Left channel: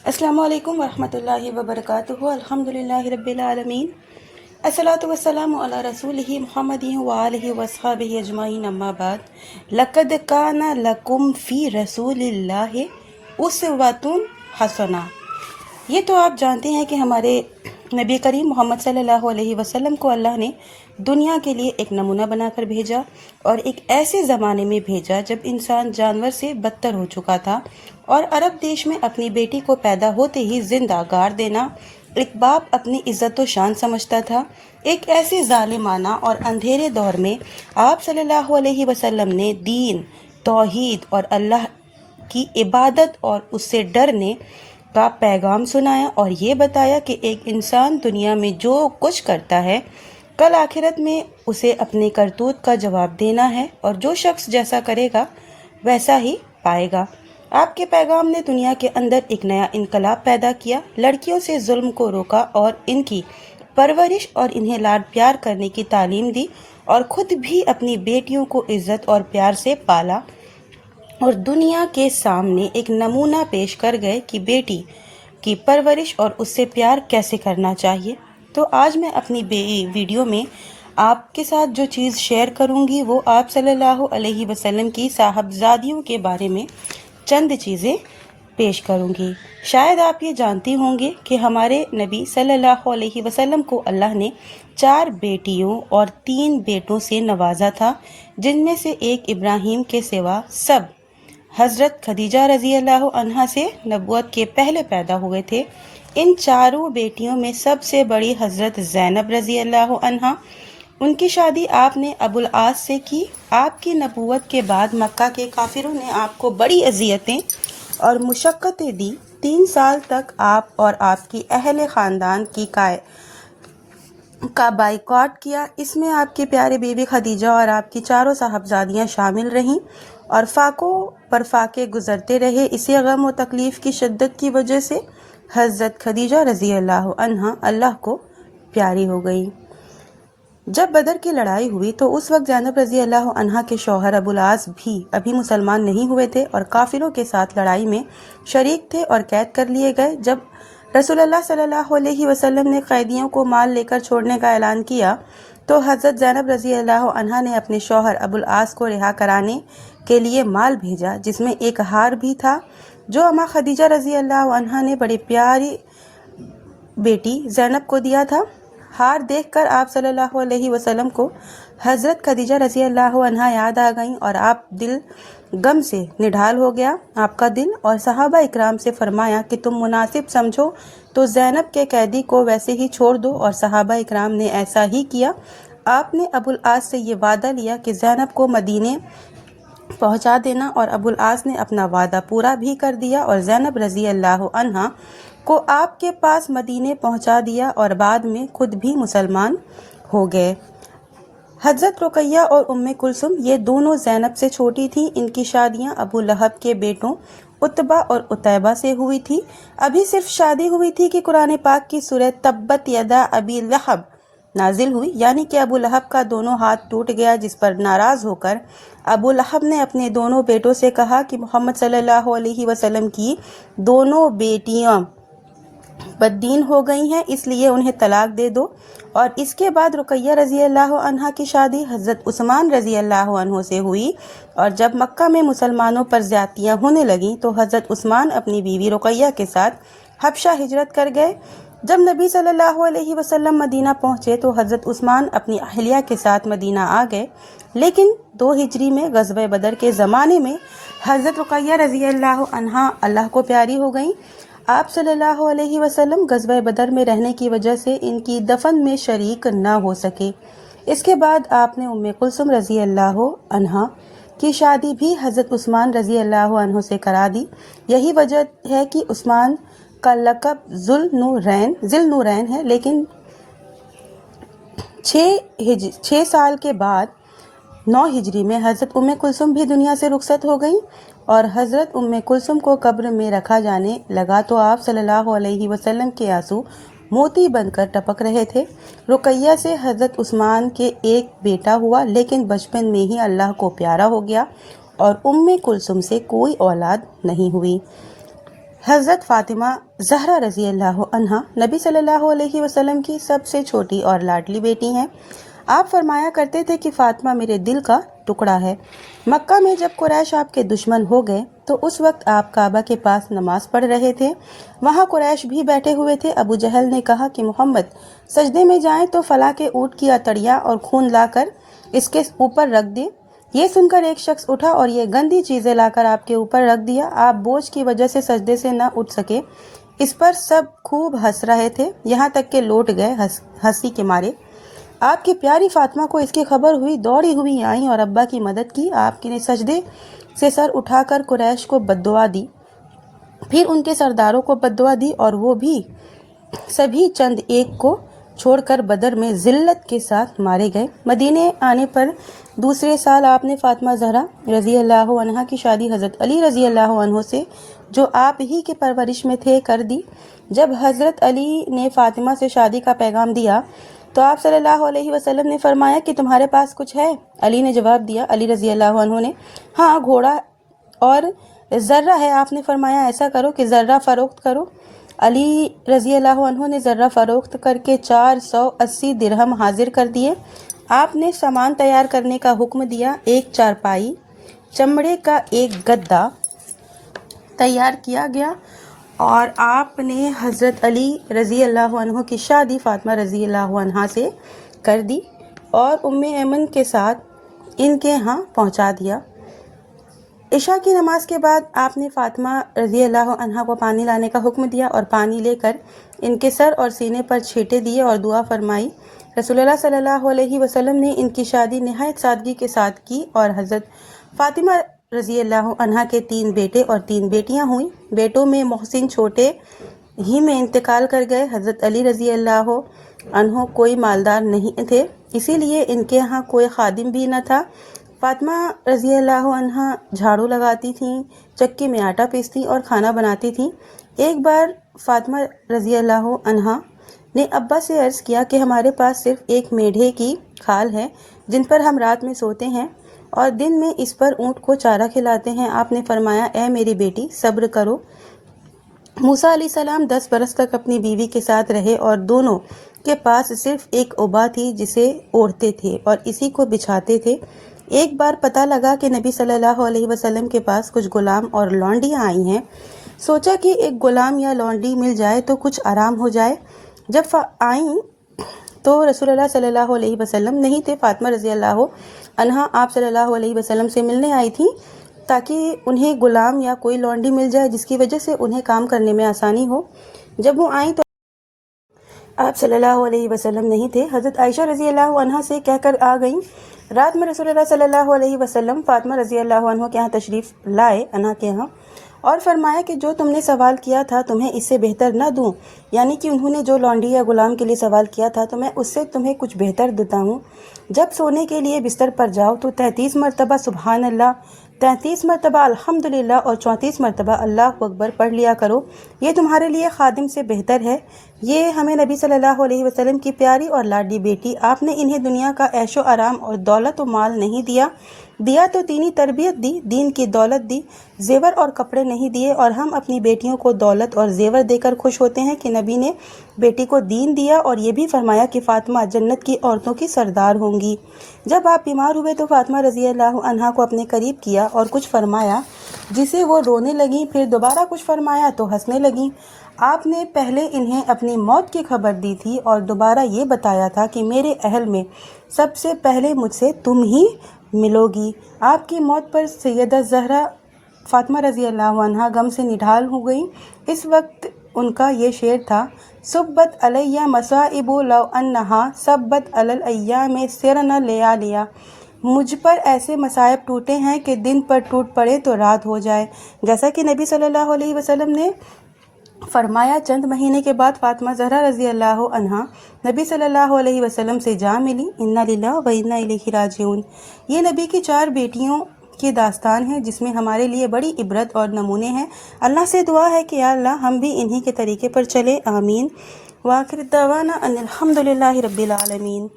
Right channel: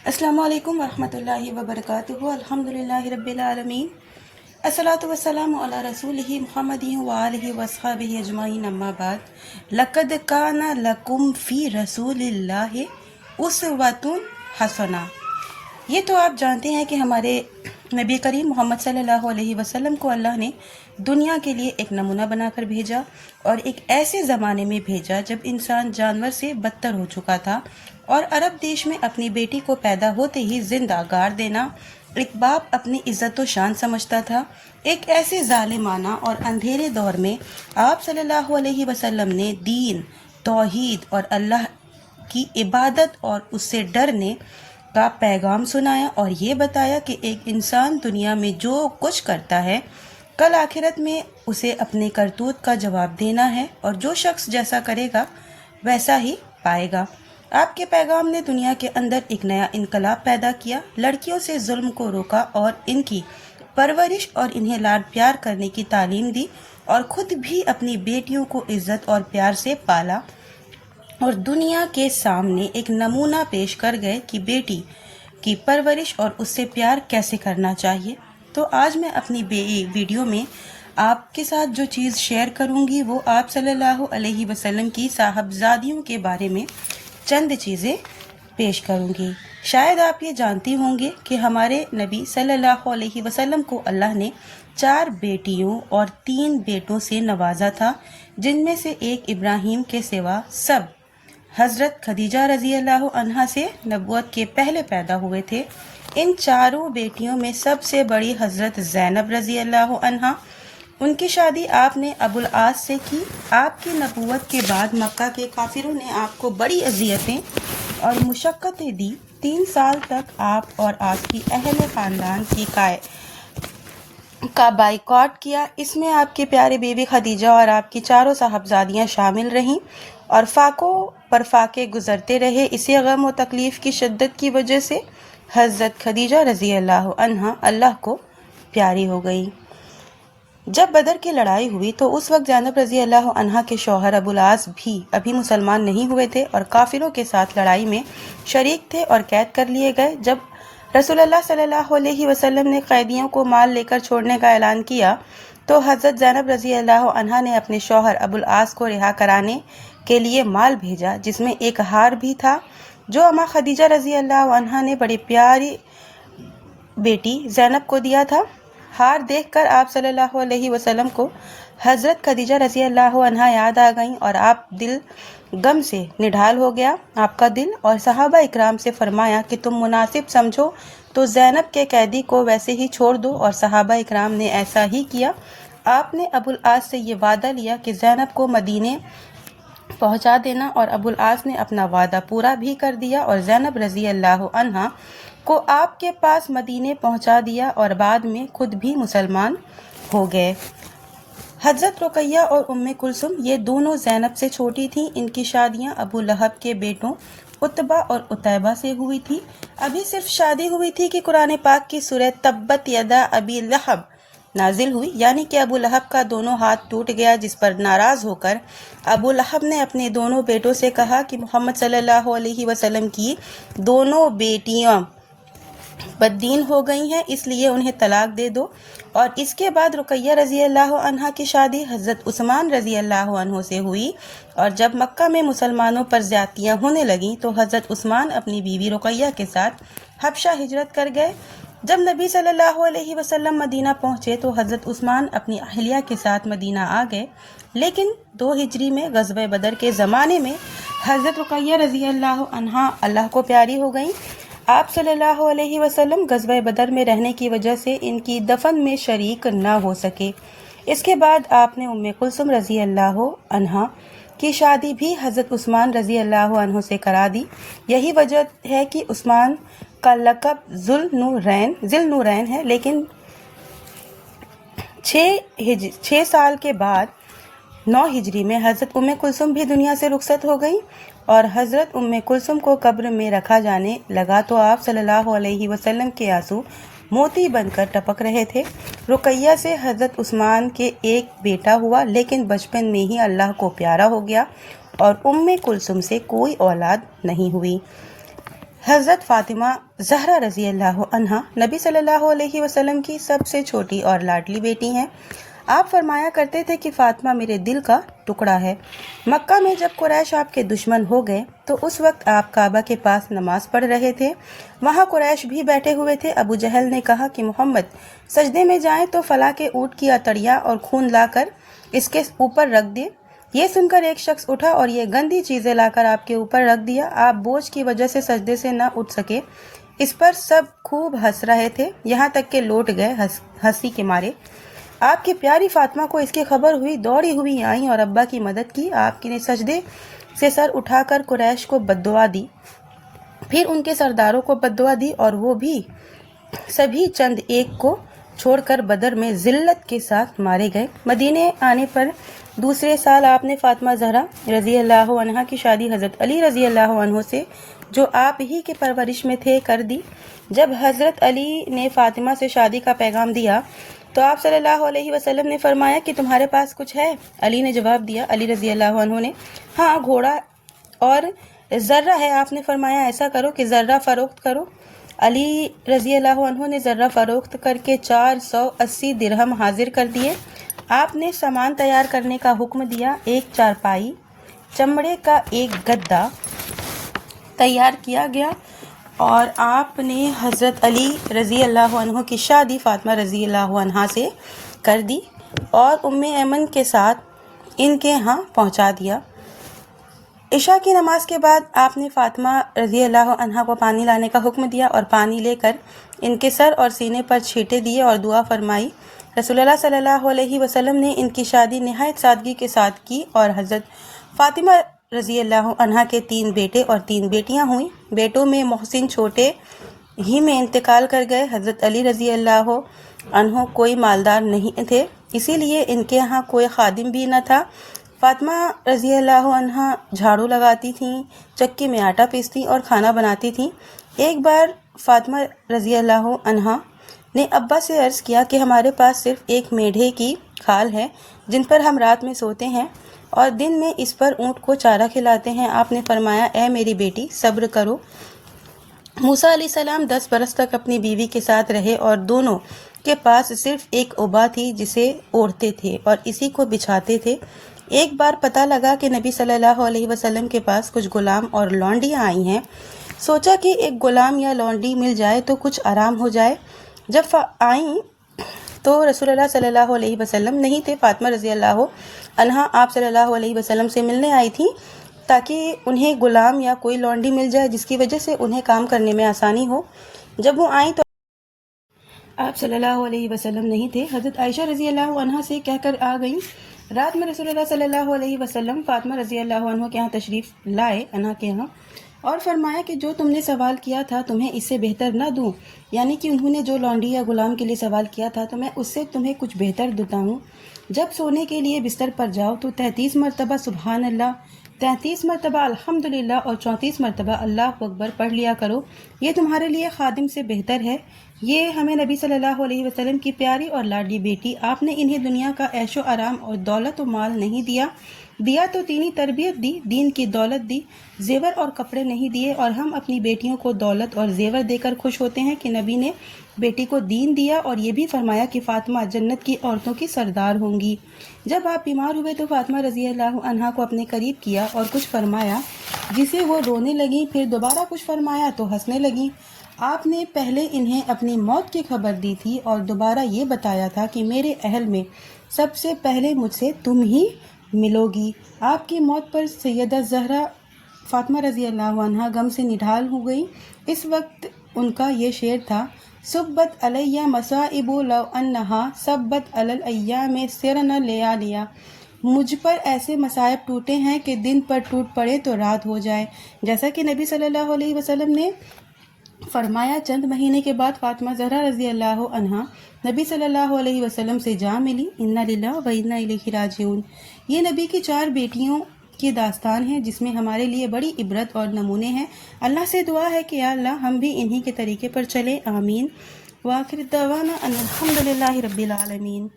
السلام علیکم ورحمۃ اللہ وبرکاتہ۔ الحمدللہ رب العالمین، الصلاۃ والسلام علی رسولہ محمد وآلہ وصحبہ اجمعین، اما بعد۔ لقد کان لکم فی رسول اللہ اسوۃ حسنہ۔ یہ تو آپ جانتے ہیں کہ ہمارے نبی کریم محمد صلی اللہ علیہ وسلم کو اللہ نے دنیا کے لیے ایک نمونہ بنا کر بھیجا، اور ایک ایسے زمانے میں بھیجا جب انسان جانور سے بدتر ہو چکا تھا، اور عرب دیش میں اپنی بیٹی کو پیدا ہوتے ہی زندہ گار دینا ایک باپ اپنی عزت و شان سمجھتا تھا۔ ایک ایسے ظالمانہ اور اندھیرے دور میں آپ صلی اللہ علیہ وسلم نے دین، توحید اور اللہ کی عبادت اور اس سے ڈرنے کا پیغام سنایا، اور یہ بتایا کہ ایک انسان دنیا میں جو کچھ کرتا ہے کل آخرت میں اسے اپنے کرتوت کا جواب دینا ہے، اور جو شخص جیسا کرے گا ویسا ہی پائے گا۔ آپ کے پیغام نے دنیا کے اندر ایک نیا انقلاب پیدا کیا، لڑکیوں سے ظلم کو روکا اور ان کی پرورش اور انہیں لاڈ پیار کرنے کی تعلیم دی، اور خود بھی اپنی بیٹیوں کو عزت اور پیار سے پالا، اور دنیا کے سامنے ایک نمونہ پیش کر گئے کہ بیٹی کی پرورش اور اس سے پیار کیسے کرنا چاہیے۔ تو آج میں اپنی ویڈیو میں آپ کے ساتھ جو چیز شیئر کروں گی وہ آپ صلی اللہ علیہ وسلم کی صاحبزادیوں کے بارے میں چند چیزیں پیش کروں گی۔ شاید آپ یہ جانتی ہوں گے کہ ہمارے نبی صلی اللہ علیہ وسلم کو اللہ نے 4 بیٹیوں اور 3 بیٹوں سے نوازا تھا، جن میں سے ایک ابراہیم کے سوا سب حضرت خدیجہ رضی اللہ عنہا سے نبوت کے پہلے پیدا ہوئے تھے۔ ان 4 بیٹیوں میں سب سے بڑی حضرت زینب رضی اللہ عنہا، ان کی شادی آپ نے ابو العاص سے کی۔ آپ کی نبوت کے بعد مکہ کے کافروں نے آپ کو بڑی اذیتیں اور مشقتیں دی۔ 3 سال تک آپ اور آپ کی اہل خاندان کا بائیکاٹ کیا۔ اس میں آپ کی پیاری بیوی خدیجہ اور آپ کی 4 صاحبزادیاں شامل رہیں، اور فاقوں پر فاقے گزرتے رہے۔ اسی غم و تکلیف کی شدت کی وجہ سے حضرت خدیجہ رضی اللہ عنہا اللہ کو پیاری ہو گئی۔ جب بدر کی لڑائی ہوئی تو اس وقت زینب رضی اللہ عنہا کے شوہر ابو العاص بھی ابھی مسلمان نہیں ہوئے تھے، اور کافروں کے ساتھ لڑائی میں شریک تھے اور قید کر لیے گئے۔ جب رسول اللہ صلی اللہ علیہ وسلم نے قیدیوں کو مال لے کر چھوڑنے کا اعلان کیا تو حضرت زینب رضی اللہ عنہا نے اپنے شوہر ابو العاص کو رہا کرانے کے لیے مال بھیجا، جس میں ایک ہار بھی تھا جو اماں خدیجہ رضی اللہ عنہا نے بڑی پیاری بیٹی زینب کو دیا تھا۔ ہار دیکھ کر آپ صلی اللہ علیہ وسلم کو حضرت خدیجہ رضی اللہ عنہا یاد آ گئیں، اور آپ دل غم سے نڈھال ہو گیا آپ کا دل، اور صحابہ اکرام سے فرمایا کہ تم مناسب سمجھو تو زینب کے قیدی کو ویسے ہی چھوڑ دو، اور صحابہ اکرام نے ایسا ہی کیا۔ آپ نے ابو العاص سے یہ وعدہ لیا کہ زینب کو مدینے پہنچا دینا، اور ابو العاص نے اپنا وعدہ پورا بھی کر دیا اور زینب رضی اللہ عنہا کو آپ کے پاس مدینے پہنچا دیا، اور بعد میں خود بھی مسلمان ہو گئے۔ حضرت رقیہ اور ام کلثوم یہ دونوں زینب سے چھوٹی تھیں۔ ان کی شادیاں ابو لہب کے بیٹوں عتبہ اور عتیبہ سے ہوئی تھی۔ ابھی صرف شادی ہوئی تھی کہ قرآن پاک کی سورہ تبت یدا ابی لہب نازل ہوئی، یعنی کہ ابو لہب کا دونوں ہاتھ ٹوٹ گیا، جس پر ناراض ہو کر ابو لہب نے اپنے دونوں بیٹوں سے کہا کہ محمد صلی اللہ علیہ وسلم کی دونوں بیٹیاں بددین ہو گئی ہیں، اس لیے انہیں طلاق دے دو۔ اور اس کے بعد رقیہ رضی اللہ عنہا کی شادی حضرت عثمان رضی اللہ عنہ سے ہوئی، اور جب مکہ میں مسلمانوں پر زیادتیاں ہونے لگیں تو حضرت عثمان اپنی بیوی رقیہ کے ساتھ حبشہ ہجرت کر گئے۔ جب نبی صلی اللہ علیہ وسلم مدینہ پہنچے تو حضرت عثمان اپنی اہلیہ کے ساتھ مدینہ آ گئے، لیکن 2 ہجری میں غزوہ بدر کے زمانے میں حضرت رقیہ رضی اللہ عنہا اللہ کو پیاری ہو گئیں۔ آپ صلی اللہ علیہ وسلم غزوہ بدر میں رہنے کی وجہ سے ان کی دفن میں شریک نہ ہو سکے۔ اس کے بعد آپ نے ام کلثوم رضی اللہ عنہا کی شادی بھی حضرت عثمان رضی اللہ عنہ سے کرا دی۔ یہی وجہ ہے کہ عثمان کا لقب ذو النورین ہے، لیکن 6 سال کے بعد 9 ہجری میں حضرت ام کلثوم بھی دنیا سے رخصت ہو گئیں، اور حضرت ام کلثوم کو قبر میں رکھا جانے لگا تو آپ صلی اللہ علیہ وسلم کے آنسو موتی بن کر ٹپک رہے تھے۔ رقیہ سے حضرت عثمان کے ایک بیٹا ہوا، لیکن بچپن میں ہی اللہ کو پیارا ہو گیا، اور ام کلثوم سے کوئی اولاد نہیں ہوئی۔ हज़रत फ़ातिमा ज़हरा रज़ी अल्लाह अन्हा नबी सल्लल्लाहु अलैहि वसल्लम की सबसे छोटी और लाडली बेटी हैं। आप फरमाया करते थे कि फ़ातिमा मेरे दिल का टुकड़ा है। मक्का में जब कुरैश आपके दुश्मन हो गए तो उस वक्त आप काबा के पास नमाज पढ़ रहे थे। वहाँ कुरैश भी बैठे हुए थे। अबू जहल ने कहा कि मोहम्मद सजदे में जाएं तो फला के ऊँट की अतड़ियाँ और खून लाकर इसके ऊपर रख दे। ये सुनकर एक शख्स उठा और ये गंदी चीज़ें लाकर आपके ऊपर रख दिया। आप बोझ की वजह से सजदे से न उठ सके। इस पर सब खूब हंस रहे थे, यहाँ तक के लौट गए हंसी के मारे। आपकी प्यारी फातिमा को इसकी खबर हुई, दौड़ी हुई आई और अब्बा की मदद की। आपने सजदे से सर उठाकर कुरैश को बद्दुआ दी, फिर उनके सरदारों को बद्दुआ दी और वो भी सभी चंद एक को छोड़कर बदर में जिल्लत के साथ मारे गए। मदीने आने पर दूसरे साल आपने फातिमा ज़हरा रज़ी अल्लाह अन्हा की शादी हज़रत अली रज़ी अल्लाह अन्हु से, जो आप ही के परवरिश में थे, कर दी। जब हज़रत अली ने फातिमा से शादी का पैगाम दिया तो आप सल्लल्लाहु अलैहि वसल्लम ने फरमाया कि तुम्हारे पास कुछ है? अली ने जवाब दिया, अली रज़ी अल्लाह अन्हु ने, हाँ, घोड़ा और ज़र्रा है। आपने फरमाया ऐसा करो कि ज़र्रा फ़रोख्त करो। अली रज़ी अल्लाह अन्हु ने ज़र्रा फ़रोख्त करके 480 दिरहम हाजिर कर दिए। आपने सामान तैयार करने का हुक्म दिया। एक चारपाई, चमड़े का एक गद्दा तैयार किया गया और आपने हज़रत अली रज़ी अल्लाह अन्हु की शादी फ़ातिमा रज़ी अल्लाह अन्हा से कर दी और उम्मे ऐमन के साथ इनके यहाँ पहुँचा दिया। इशा की नमाज के बाद आपने फ़ातिमा रज़ी अल्लाह अन्हा को पानी लाने का हुक्म दिया और पानी लेकर इनके सर और सीने पर छींटे दिए और दुआ फरमाई। रसूलुल्लाह सल्लल्लाहु अलैहि वसल्लम ने इनकी शादी निहायत सादगी के साथ की और हज़रत फ़ातिमा रज़ी अल्लाह अन्हा के 3 बेटे और 3 बेटियां हुई। बेटों में मोहसिन छोटे ही में इंतकाल कर गए। हज़रत अली रज़ी अल्लाह अन्हु कोई मालदार नहीं थे, इसीलिए इनके यहाँ कोई खादिम भी न था। फ़ातिमा रज़ी अल्लाह अन्हा झाड़ू लगाती थीं, चक्की में आटा पीसती और खाना बनाती थीं। एक बार फ़ातिमा रज़ी अल्लाह अन्हा ने अब्बा से अर्ज़ किया कि हमारे पास सिर्फ़ एक मेढे की खाल है जिन पर हम रात में सोते हैं और दिन में इस पर ऊँट को चारा खिलाते हैं। आपने फरमाया, ए मेरी बेटी, सब्र करो। मूसा अलैहिस्सलाम 10 बरस तक अपनी बीवी के साथ रहे और दोनों के पास सिर्फ एक उबा थी जिसे ओढ़ते थे और इसी को बिछाते थे। एक बार पता लगा कि नबी सल्लल्लाहु अलैहि वसल्लम के पास कुछ गुलाम और लौंडियाँ आई हैं। सोचा कि एक गुलाम या लौंडी मिल जाए तो कुछ आराम हो जाए। जब आई तो रसूलुल्लाह सल्लल्लाहु अलैहि वसल्लम नहीं थे। फ़ातिमा रज़ी अल्लाह अन्हा आप सल्लल्लाहु अलैहि वसल्लम से मिलने आई थी ताकि उन्हें गुलाम या कोई लौंडी मिल जाए जिसकी वजह से उन्हें काम करने में आसानी हो। जब वो आई तो आप सल्लल्लाहु अलैहि वसल्लम नहीं थे। हज़रत आयशा रज़ी अल्लाह अन्हा से कहकर आ गईं। रात में रसूलुल्लाह सल्लल्लाहु अलैहि वसल्लम फ़ातिमा रज़ी अल्लाह अन्हा के यहाँ तशरीफ़ लाए, अन्हा के यहाँ, और फरमाया कि जो तुमने सवाल किया था तुम्हें इससे बेहतर ना दूं, यानी कि उन्होंने जो लौंडी या गुलाम के लिए सवाल किया था तो मैं उससे तुम्हें कुछ बेहतर देता हूँ। जब सोने के लिए बिस्तर पर जाओ तो 33 मरतबा सुबहान अल्लाह, 33 मरतबा अल्हम्दुलिल्लाह और 34 मरतबा अल्लाह अकबर पढ़ लिया करो। ये तुम्हारे लिए खादिम से बेहतर है। ये हमें नबी सल्लल्लाहु अलैहि वसल्लम की प्यारी और लाडली बेटी, आपने इन्हें दुनिया का ऐशो आराम और दौलत और माल नहीं दिया तो दीनी तरबियत दी, दीन की दौलत दी, जेवर और कपड़े नहीं दिए। और हम अपनी बेटियों को दौलत और जेवर देकर खुश होते हैं कि नबी ने बेटी को दीन दिया और ये भी फरमाया कि फ़ातिमा जन्नत की औरतों की सरदार होंगी। जब आप बीमार हुए तो फ़ातिमा रज़ी अल्लाह अन्हा को अपने करीब किया और कुछ फरमाया जिसे वो रोने लगी, फिर दोबारा कुछ फरमाया तो हंसने लगी। आपने पहले इन्हें अपनी मौत की खबर दी थी और दोबारा ये बताया था कि मेरे अहल में सबसे पहले मुझसे तुम ही मिलोगी। आपकी मौत पर सैयदा ज़हरा फ़ातिमा रज़ी अल्लाह अन्हा गम से निढाल हो गई। इस वक्त उनका ये शेर था, सुब्बत अलैया मसाइबु लौ अन्नहा सब्बत अलल अय्याम सिरना लिया लिया। मुझ पर ऐसे मसाइब टूटे हैं कि दिन पर टूट पड़े तो रात हो जाए। जैसा कि नबी सल्लल्लाहु अलैहि वसल्लम ने फरमाया। चंद महीने के बाद फ़ातिमा ज़हरा रज़ी अल्लाह अन्हा नबी सल्लल्लाहु अलैहि वसल्लम से जा मिली। इन्ना लिल्लाह व इन्ना इलैहि राजिऊन। ये नबी की 4 बेटियों की दास्तान है जिसमें हमारे लिए बड़ी इबरत और नमूने हैं। अल्लाह से दुआ है कि या अल्लाह हम भी इन्हीं के तरीके पर चले। आमीन। व आखिर दवाना अनिल हम्दुलिल्लाहि रब्बिल आलमीन।